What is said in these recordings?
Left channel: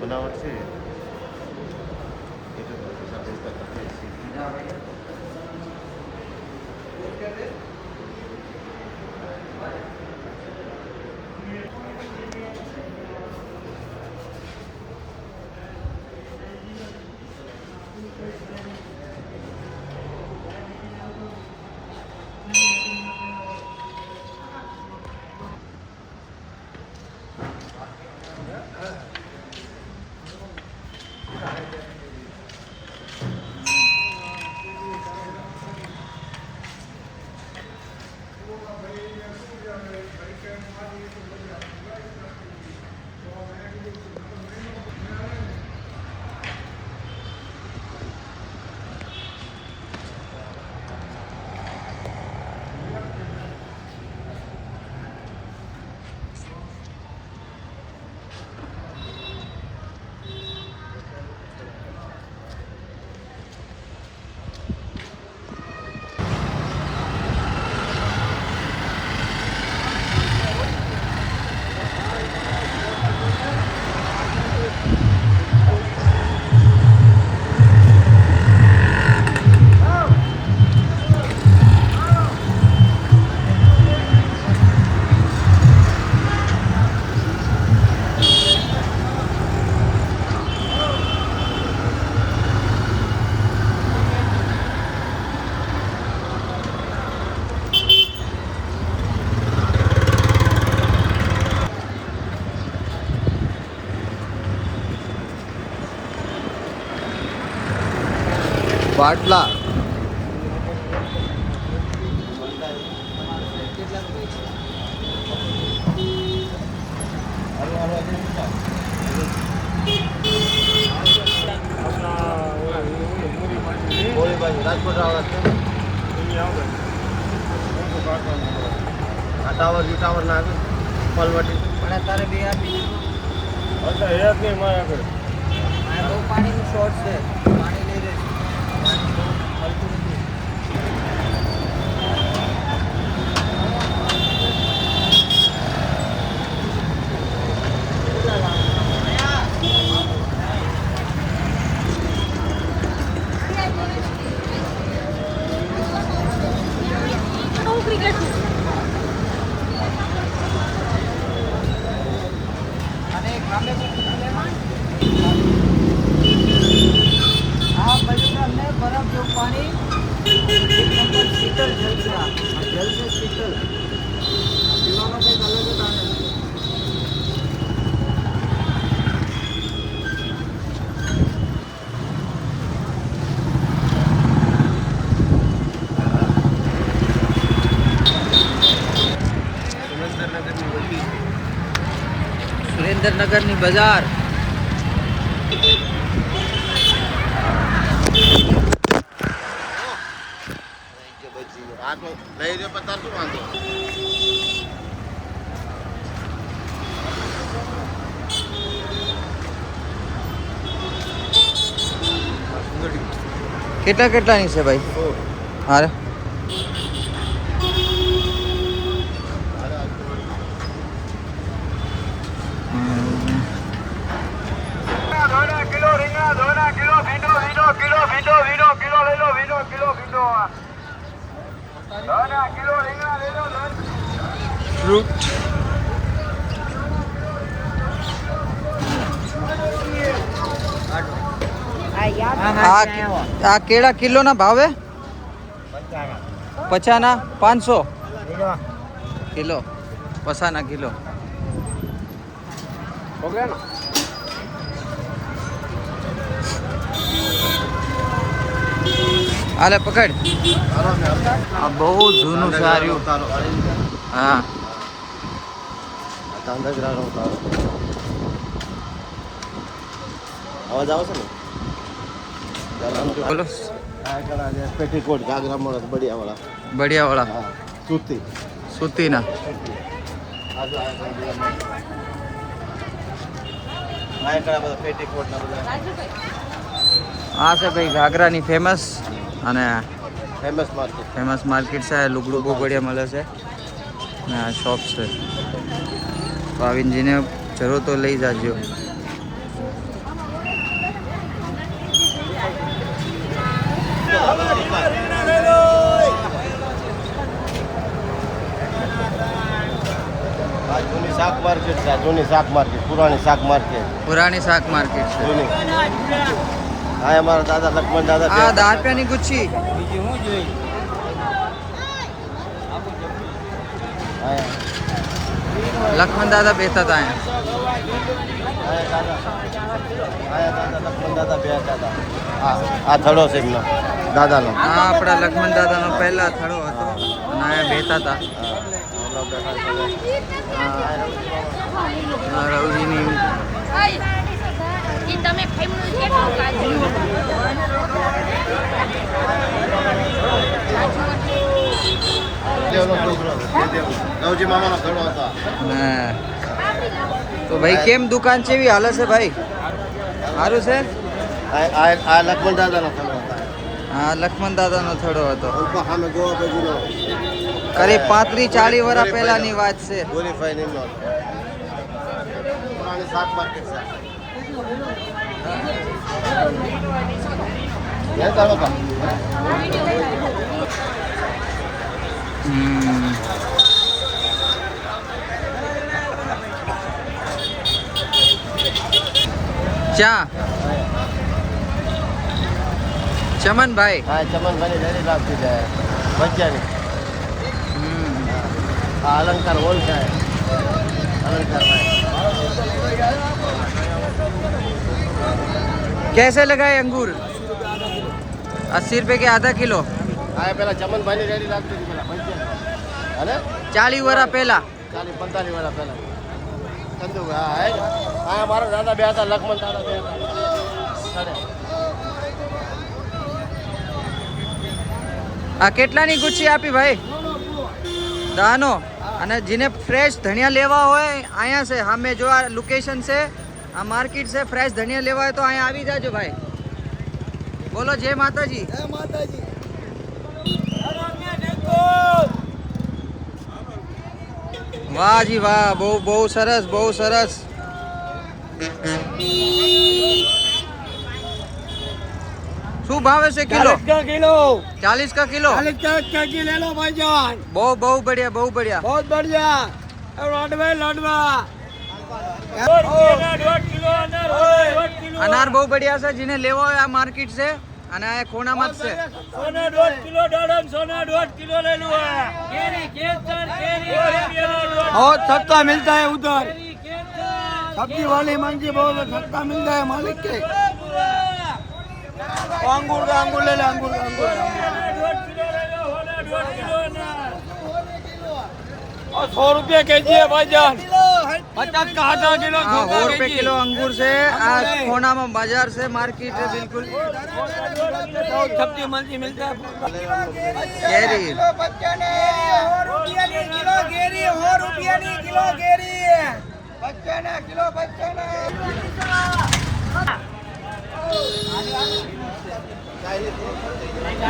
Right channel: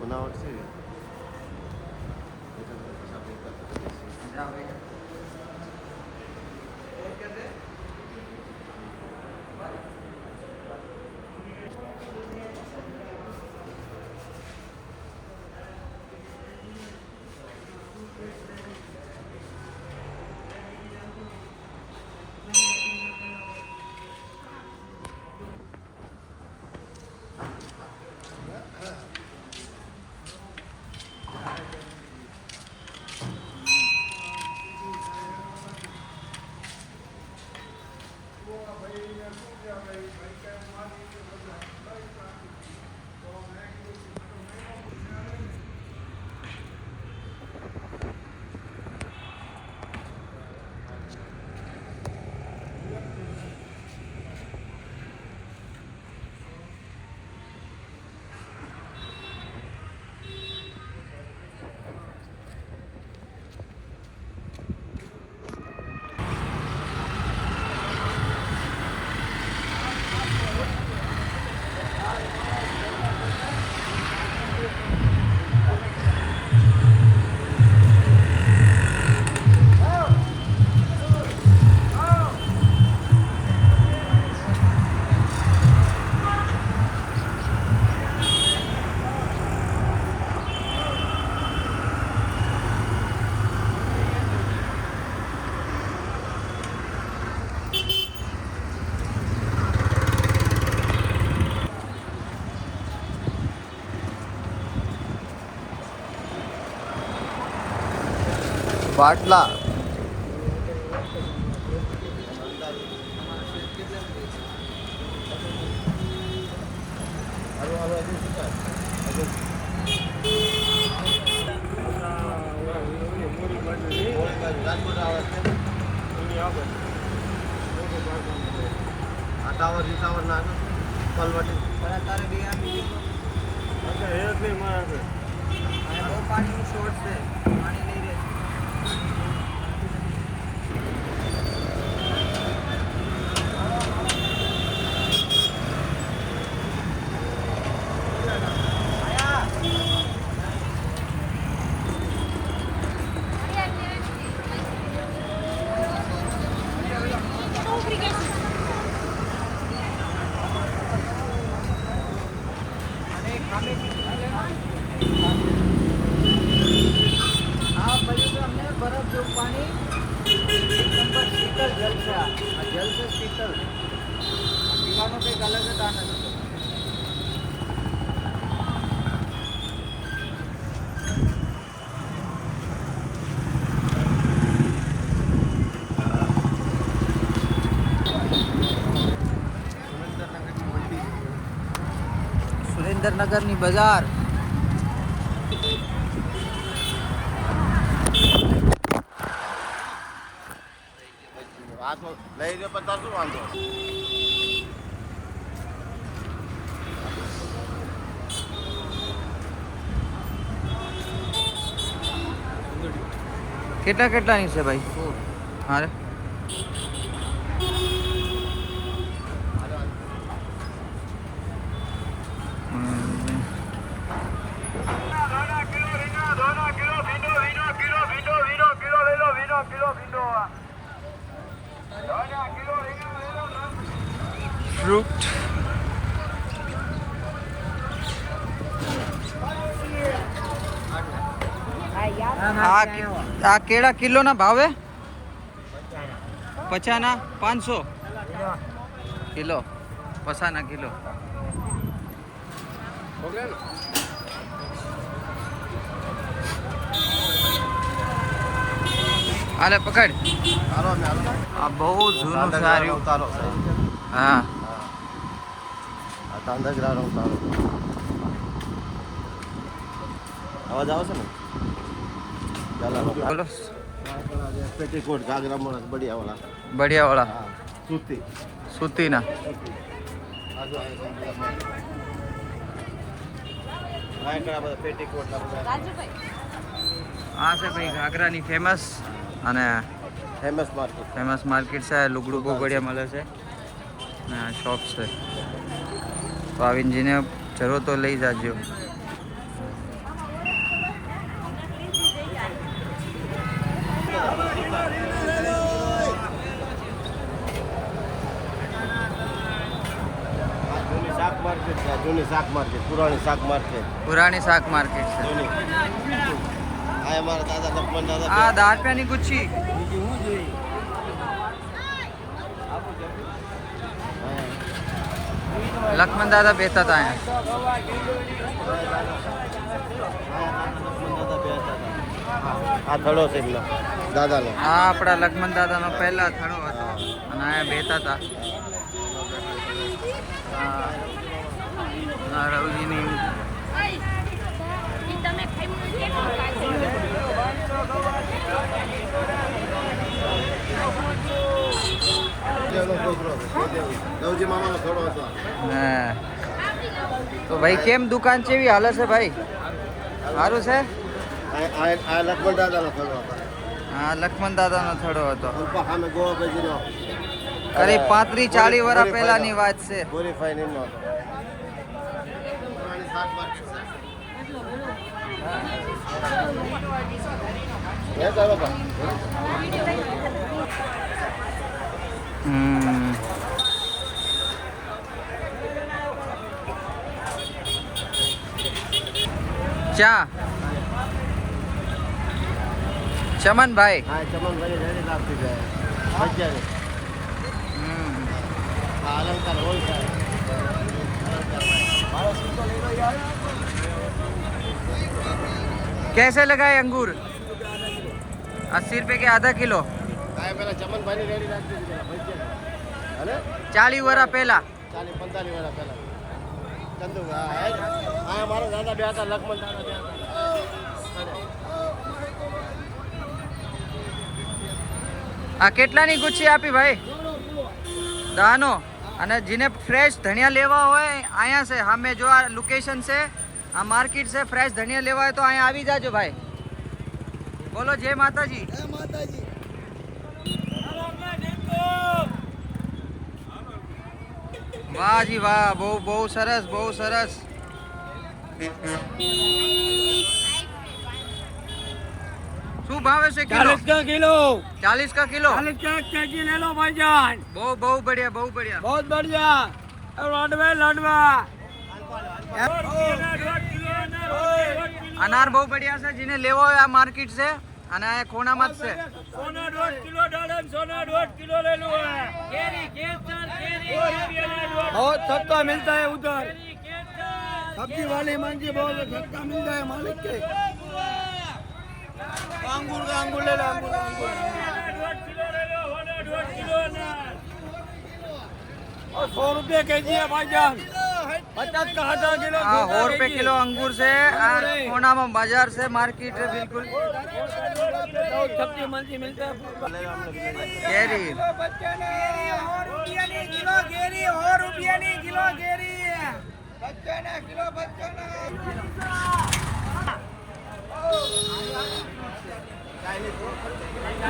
બનાવટ છે બાટલા ટાવર ના પલવટી પણ તારે બે આપી એટલે એક નહીં મારા આગળ આ બહુ પાણીનું શોર્ટ છે પાણી લઈ રહે जल से शीतल पीवा કંઈક અલગ જ આનંદ છે સુરેન્દ્રનગરની બજાર આ તો લઈ લે પતા શું વાંધો કેટલા કેટલાની છે ભાઈ હારે ફ્રૂટ આ કેળા કિલો ના ભાવે 50 ના 500 કિલો 50 ના કિલો હાલે પકડ. આ બહુ જૂનું સારું. હા અવાજ આવશે ને? બોલો. પેટીકોટ ઘાઘરા મળે બઢિયા વાળા. બઢિયા વાળા સૂતી સૂતીના. આ છે ભાઈ ઘાઘરાની ફેમસ અને ફેમસ માર્કેટ છે. લુગડું બહુ બઢિયા મળે છે ને આ શોપ છે. તો આવીને જેને જરૂર તો લઈ જાજો. પુરાણી શાક માર્કેટ છે. આ 10 રૂપિયાની ગુચ્છી. લક્ષ્મણ દાદા બેઠા હતા અહીંયા. આ આપણા લક્ષ્મણ દાદાનો પહેલા થડો હતો અને અહીંયા બેઠા હતા. રવજીની તો ભાઈ કેમ દુકાન ચેવી હાલે છે ભાઈ? સારું છે. હા લક્ષ્મણ દાદાનો થડો હતો. કરીબ 35-40 વર્ષ પહેલાની વાત છે. ચા ચમનભાઈ. अलंकार होल का है. कैसे लगाए अंगूर? 80 रुपए के आधा किलो. पहला चमन भाई ने रेडी રાખી દીધી પેલા 40 વર્ષ પહેલા. 40-45 વર્ષ પહેલા. કંદુ આ મારા દાદા બે હતા, લક્ષ્મણ દાદા બે હતા. આ કેટલાની ગુચ્છી આપી ભાઈ? દાનો. અને જેને ફ્રેશ ધનિયા લેવા હોય અહીંયા છે સામે જો આ લોકેશન છે, આ માર્કેટ છે. ફ્રેશ ધનિયા લેવા હોય તો અહીંયા આવી જાજો ભાઈ. બોલો જય માતાજી. જય માતાજી. વાહ જી વાહ, બહુ બહુ સરસ, બહુ સરસ. શું ભાવે છે કિલો? 40 का किलो. 40 का किलो ले लो भाईजान. बहुत बढ़िया, बहुत बढ़िया, बहुत बढ़िया. लड़वा अनार बहुत बढ़िया છે. જેને લેવો હોય આ માર્કેટ છે અને આ ખૂણામાં જ છે. सोना 1.5 किलो दाडम, सोना 1.5 किलो ले लो. केरी केसर, केरी बहुत सस्ता मिलता है उधर. सब्जी वाली मंडी बहुत सस्ता मिलता है मालिक के. अंगूर का अंगूर ले लो, अंगूर का अंगूर 1.5 किलो ले लो. होना 1.5 किलो ना. और 100 रुपया केजी है भाईजान. 50 का आधा किलो. हाँ 100 रुपये किलो अंगूर से. आ कोना में बाजार से मार्केट है बिल्कुल. सब्जी मंडी मिलता है. केरी 100 रुपया ની કિલો કેરી. 100 रुपया ની કિલો કેરી. બચ્ચાના કિલો બચ્ચાના.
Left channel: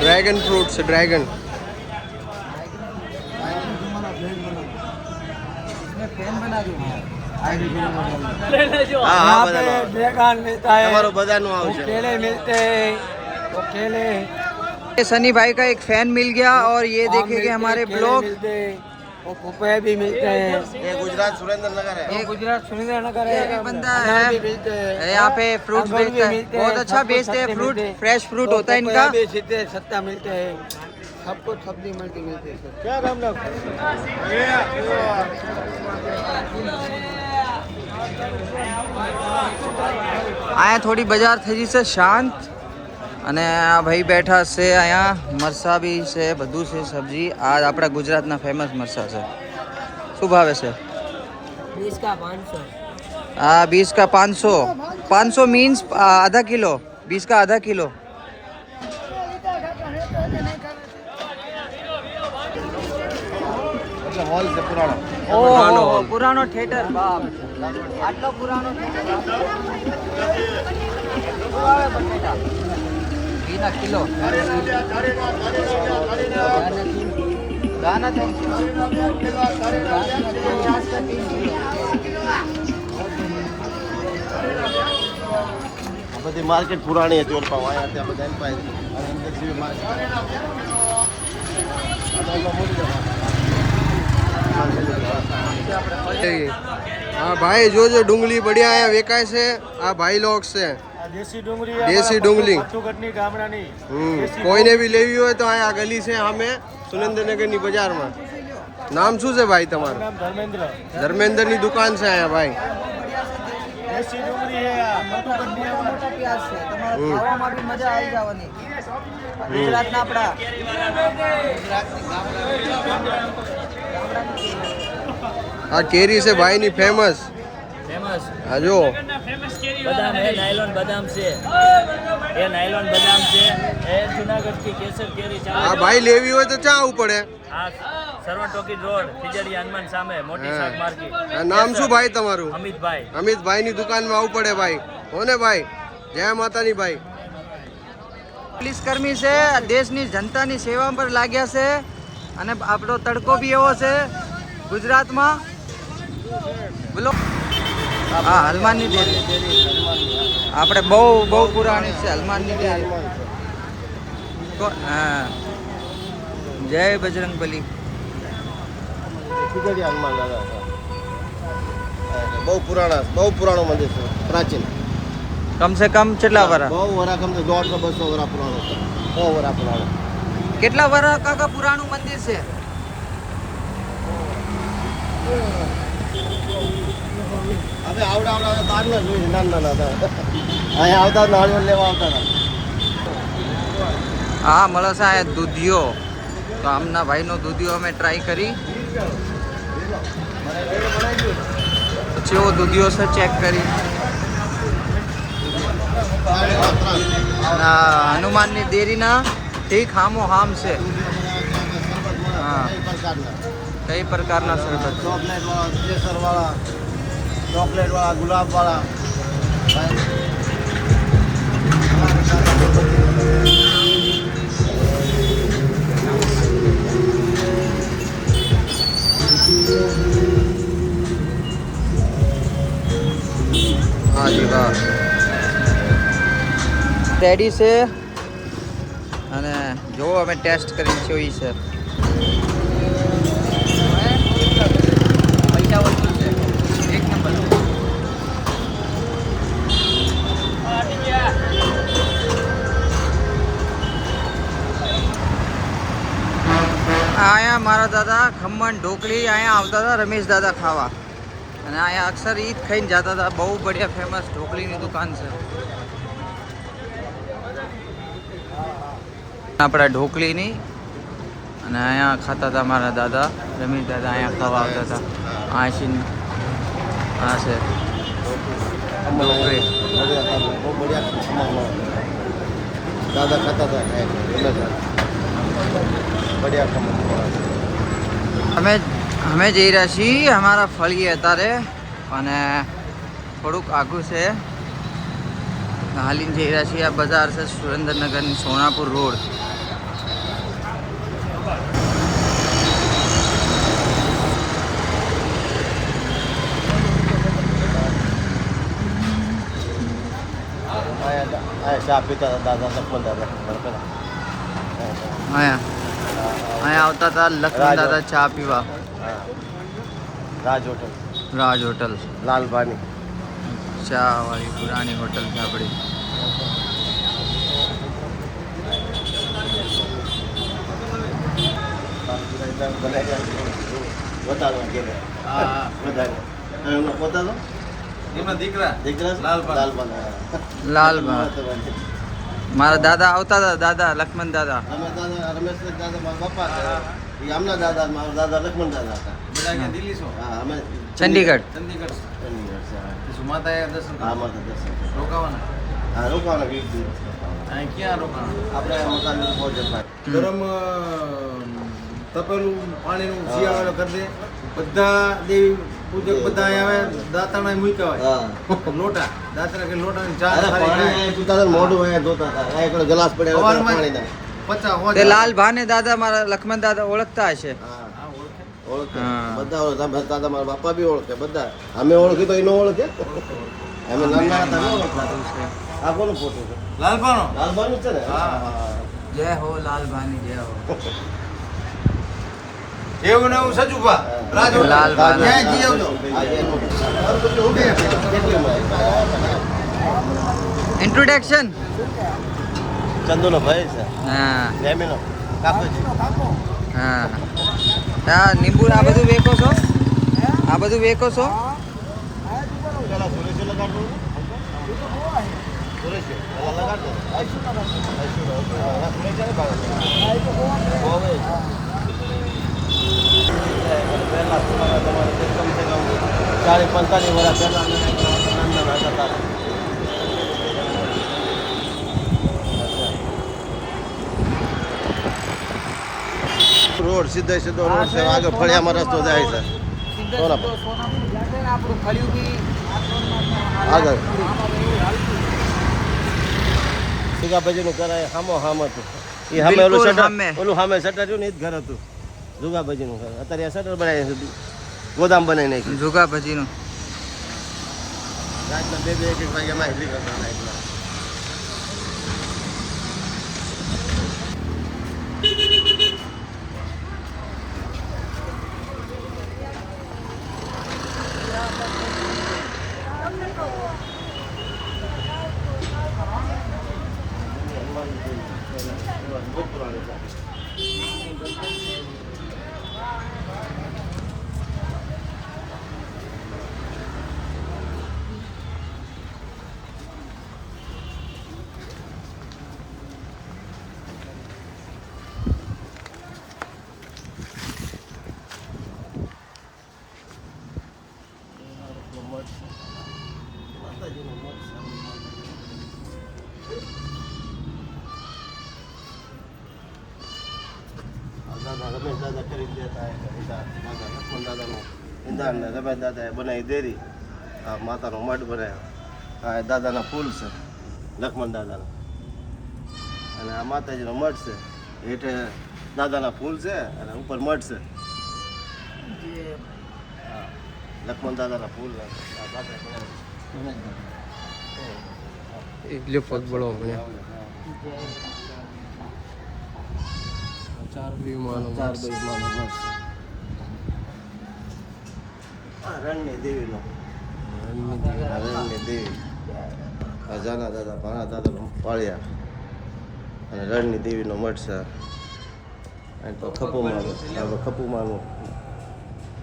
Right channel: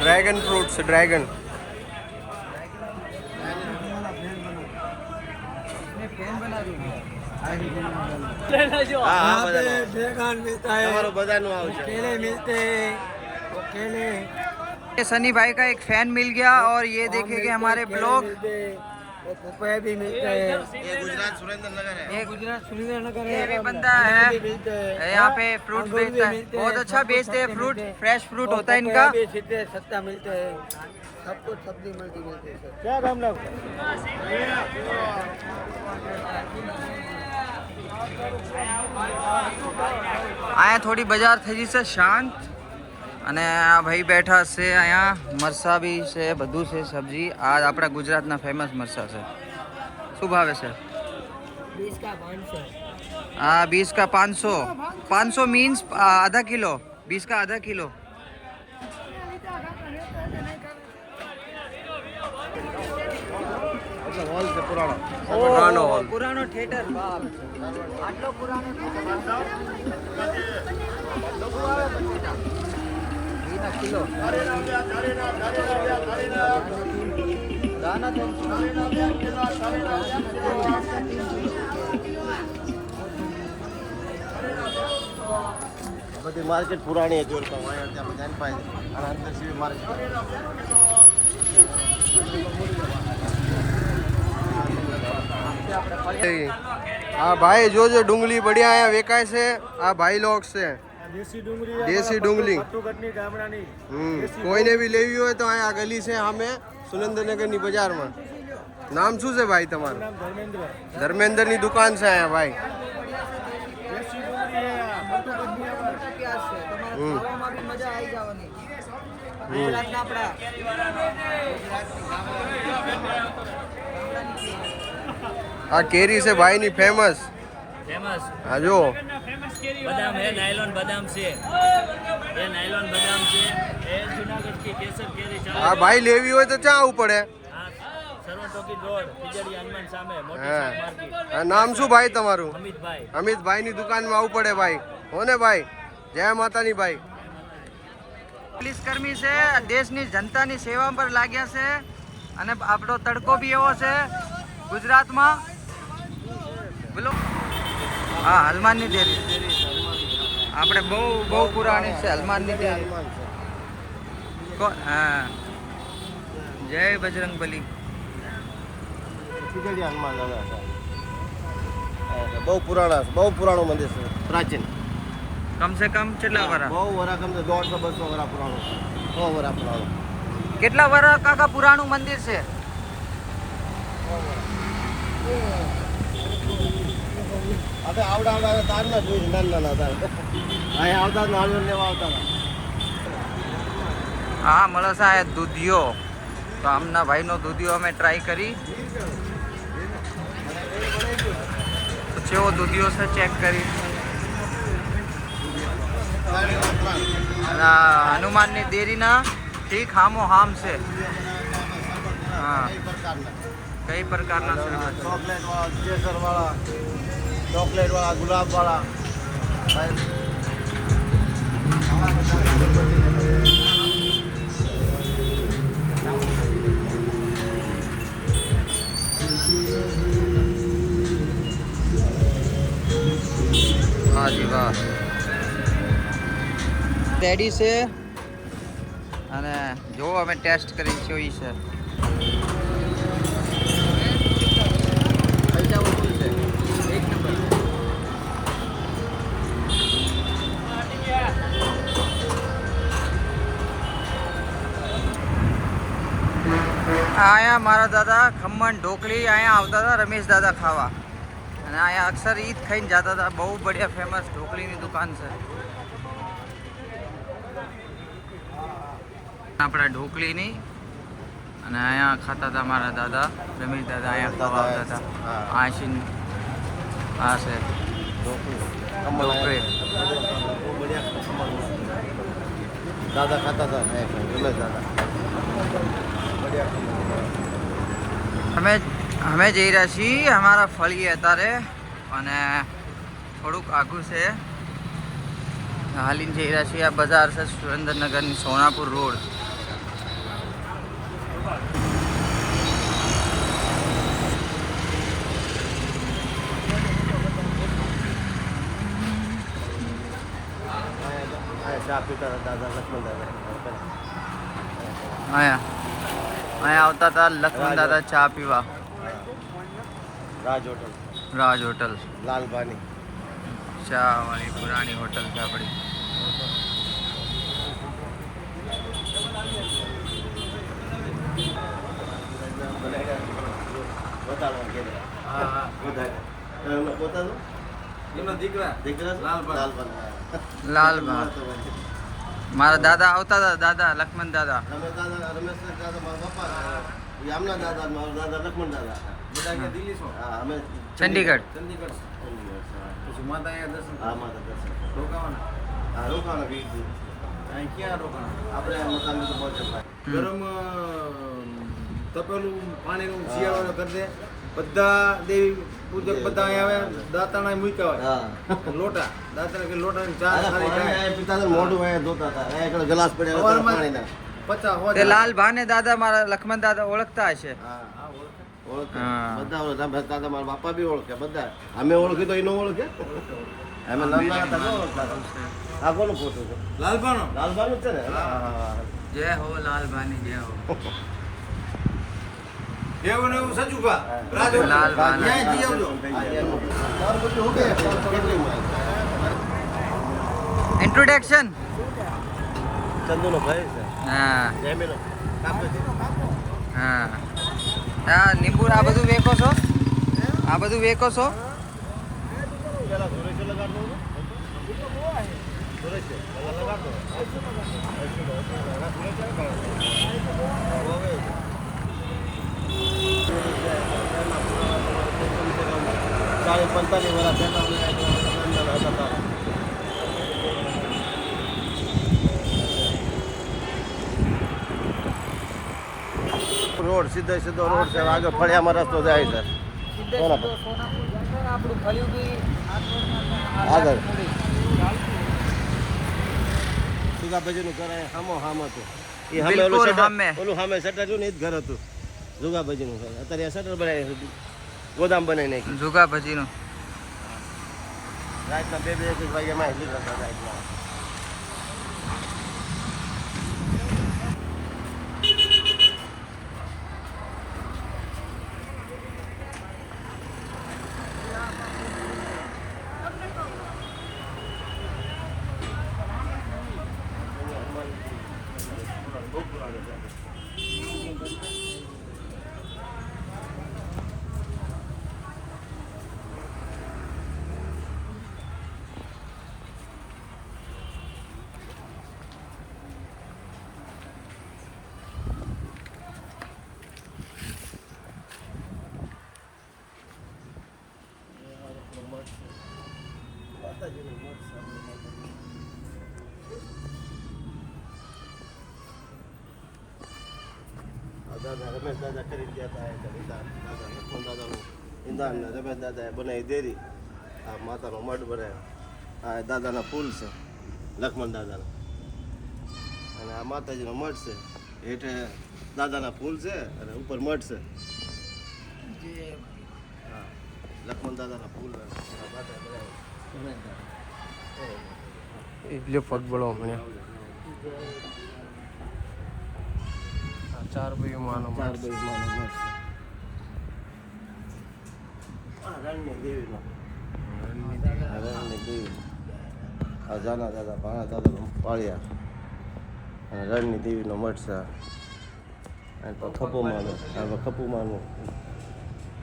ड्रैगन फ्रूट से ड्रैगन. यहाँ पे ड्रैगन मिलता है, केले मिलते हैं, केले. सनी भाई का एक फैन मिल गया और ये देखेंगे हमारे ब्लॉग. और पपैया भी मिलते हैं. ये गुजरात सुरेंद्रनगर है. ये भी बंदा है यहाँ पे फ्रूट बेचता है. बहुत अच्छा बेचते हैं फ्रूट. फ्रेश फ्रूट होता है इनका. सस्ता मिलते हैं. सबको सब्जी मिलती है. क्या काम लोग અહીંયા થોડી બજાર થઈ જશે શાંત. અને આ ભાઈ બેઠા છે અહીંયા. મરસા બી છે, બધું છે સબ્જી. આ આપણા ગુજરાતના ફેમસ મરસા છે. શું ભાવે છે? 20 का 500. हाँ 20 का 500. 500 मीन्स आधा किलो. 20 का आधा किलो. पुरानो थिएटर. आटलो पुरानो किलो બધી માર્કેટ પુરાણી હતી ઓર પાવ આયા ત્યાં બધા પાસે હા ભાઈ જોજો ડુંગળી બઢિયા અહીંયા વેચાય છે. આ ભાઈ લોક છે દેશી ડુંગળી. કોઈને બી લેવી હોય તો અહીંયા ગલી છે સામે સુરેન્દ્રનગરની બજારમાં. નામ શું છે ભાઈ તમારું? ધર્મેન્દ્રની દુકાન છે અહીંયા ભાઈ. આ કેરી છે ભાઈ ની ફેમસ. હા જો बादाम है, नायलॉन बादाम से, ये नायलॉन बादाम से, ये जूनागढ़ की केसर केरी चावल. આ ભાઈ લેવી હોય તો ક્યાં આવવું પડે? हाँ, सरवण टोकी रोड, खिजड़ी हनुमान सामे, मोटी शाक मार्केट. આ નામ શું ભાઈ તમારું? अमित भाई. અમિતભાઈ ની દુકાનમાં આવવું પડે ભાઈ. હો ને ભાઈ? જય માતાની ભાઈ. પોલીસ કર્મી છે, દેશની જનતાની સેવા પર લાગ્યા છે. અને આપણો તડકો બી એવો છે ગુજરાતમાં. બોલો. હા, હનુમાનની ડેરી. આપણે બહુ પુરાણી છે હનુમાનની ડેરી. હા, જય બજરંગબલી. બહુ પુરાણું મંદિર છે, પ્રાચીન. કમ સે કમ કેટલા વરા? બહુ વરા કમ 150-200 વરા પુરાણો છે. 100 વરા પુરાણો. કેટલા વરા કાકા પુરાણું મંદિર છે? હવે આવડા તારના જોઈ નાના હતા. અહીંયા આવતા નાળિયેર લેવા આવતા હતા. હા, મળે છે આ દૂધિયો. તો આમના ભાઈનો દૂધિયો અમે ટ્રાય કરી. પછી એવો દૂધિયો છે ચેક કરી. અને આ હનુમાનની દેરીના ઠીક હામો હામ છે. હા, કઈ પ્રકારના શરબત? કેસર વાળા, ચોકલેટ વાળા, ગુલાબ વાળા. હા જી વાહ. રેડી છે. અને જો અમે ટેસ્ટ કરી જોઈ છે. એક નંબર. અહીંયા મારા દાદા ખમણ ઢોકળી અહીંયા આવતા હતા રમેશ દાદા ખાવા. અને અહીંયા અક્ષર ઈદ ખાઈને જતા હતા. બહુ બઢિયા ફેમસ ઢોકળીની દુકાન છે. આપણા ઢોકળીની. અને અહીંયા ખાતા હતા મારા દાદા રમેશ દાદા. અહીંયા ખાવા આવતા હતા. આ છે ઢોકળી. બહુ બઢિયા ખમણ દાદા ખાતા હતા. બઢિયા ખમણ. અમે જઈ રહ્યા છીએ અમારા ફળીએ અત્યારે. અને થોડુંક આઘું છે. હાલીને જઈ રહ્યા છીએ. આ બજાર છે સુરેન્દ્રનગરની સોનાપુર રોડ. ચા પીતા હતા દાદા લક્ષ્મણ દાદા. અહીંયા આવતા હતા લક્ષ્મણ દાદા ચા પીવા. રાજ હોટલ લાલભાની ચા વાળી પુરાણી હોટલ છે આપણી. દીકરા લાલપાન લાલભાન મારા દાદા આવતા હતા, દાદા લક્ષ્મણ દાદા. રમેશ દાદા મારા પપ્પા છે. એ આમના દાદા મારા દાદા લક્ષ્મણ દાદા હતા. હા અમે ચંદીગઢ. હા માતા દર્શન હા રોકાવાના 20 દિવસ આપણે મકાન પહોંચે ગરમ તપેલું પાણીનું શિયાળો કરી દે બધા દેવી પૂજક બધા અહીંયા આવે દાંતણા મૂક્યા હોય લોટા દાંતણા કે લોટા ચા મોઢું હોય ધોતા હતા આ એકડો ગ્લાસ પડ્યા હોય પાણીના 50 તે લાલભાને દાદા મારા લક્ષ્મણ દાદા ઓળખતા હશે. ઓળખે હા. બધા ઓળખે દાદા મારા બાપા બી ઓળખે બધા અમે ઓળખી તો એનો ઓળખે અમે નાના હતા ન ઓળખતા. આ કોનું ફોટો છે લાલપાનો લાલબાનું છે ને જય હો લાલભાની જય હો. એવું ને એવું સજુભા લાલભાન. ઇન્ટ્રોડક્શન. ચંદુનો ભાઈ છે હા જયમીનો હા હા નીંબુ આ બધું વેકો છો, આ બધું વેકો છો. સાડી 45 વર્ષ રોડ સીધો રોડ છે આગળ ફળિયામાં રસ્તો જાય છે આગળ સીગા બજીનું કરાય હામો હતું ઈ સામે બિલકુલ ઓલું સામે. ઓલું સામે શટર રહ્યું ને એ જ ઘર હતું જુગા બજીનું ઘર. અત્યારે આ શટર બનાવી ગોદામ બનાવી નાખ્યું જુગા ભજીનું. રાતના 2-1 વાગ્યામાં હેલી કરતા રાતના રમેશ દાદા કરી ગયા હતા ઇન્દાને રમેશ દાદાએ બનાવી દેરી આ માતાનો મઢ બનાવ્યો આ દાદાના ફૂલ છે લક્ષ્મણ દાદાના અને આ માતાજીનો મઢ છે હેઠે દાદાના ફૂલ છે અને ઉપર મઢ છે લક્ષ્મણ દાદાના ફૂલ એટલે પગ બળો ભણ્યા 4 ભાઈ માનો 4 ભાઈ માનો મઢ છે આ રણની દેવીનો રણની દેવી આ જાના દાદા ભાણા દાદા પાળ્યા અને રણની દેવીનો મઠ છે ખપુમાનું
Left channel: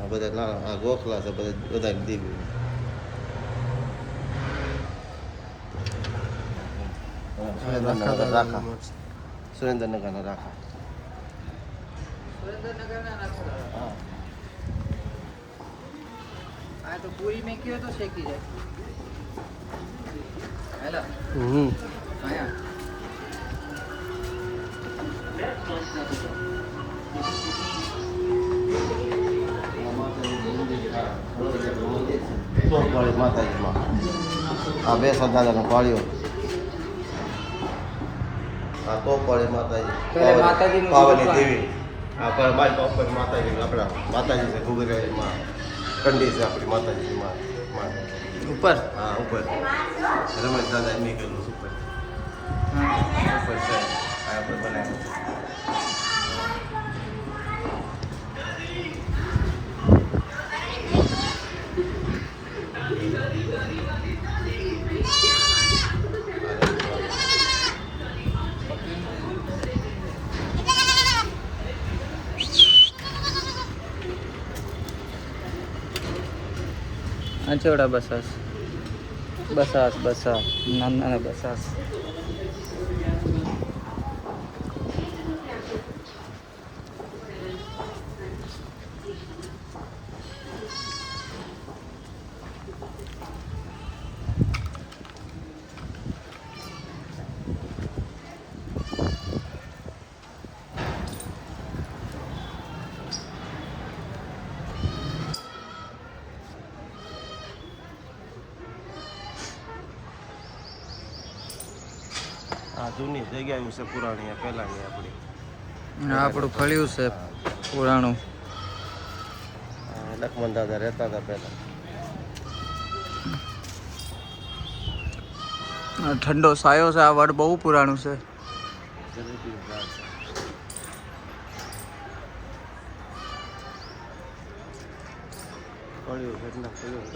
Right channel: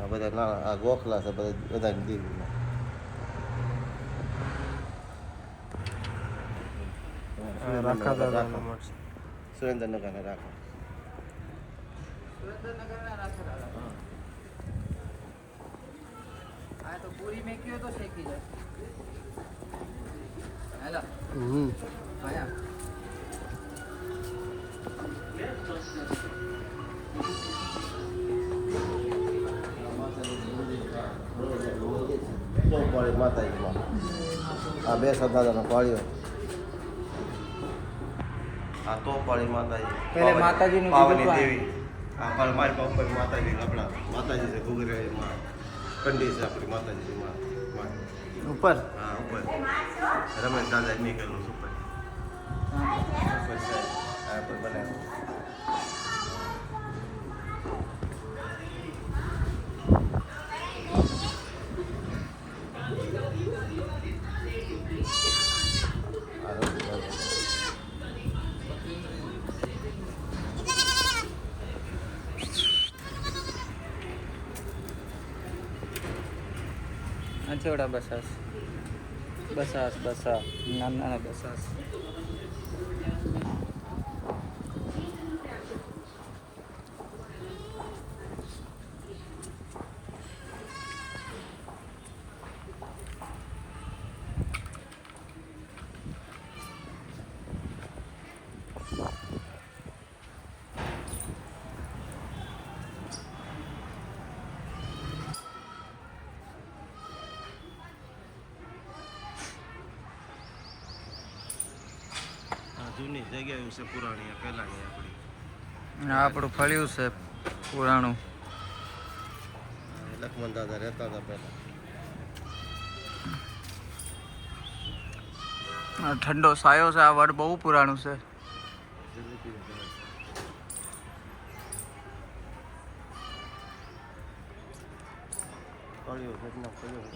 આ બધા નાના આ ગોખલા છે બધા દેવી રાખા દાદાનો મઠ. સુરેન્દ્રનગરના રાખા આ તો પૂરી મેકી હોય તો શેકી જાય. હેલો આયા તોપાળી માતાજીમાં આ બેસા દાદાનો પાળ્યો આ તોપાળી પહેલે માતાજીનું પાવની દુકાન. દેવી આ મારી ઉપર માતાજી આપણા માતાજી છે ગુગરાઈમાં કંડી છે આપણી માતાજીમાં ઉપર. હા ઉપર રમેશ દાદા એમ કરેલું છે ઉપર ઉપર છે આ ઉપર બનાવ્યું અંચોડા બસ બસ. બસાસ ના બસાસ. આ જૂની જગ્યાઓ છે પુરાણી આ પહેલાની આપણી. આ આપણું ફળિયું છે પુરાણું. લક્ષ્મણ દાદા રહેતા હતા પહેલા. આ ઠંડો સાયો છે. આ વડ બહુ પુરાણું છે. જલેબીનું ઝાડ છે. ફળિયું ઘટના ફળિયું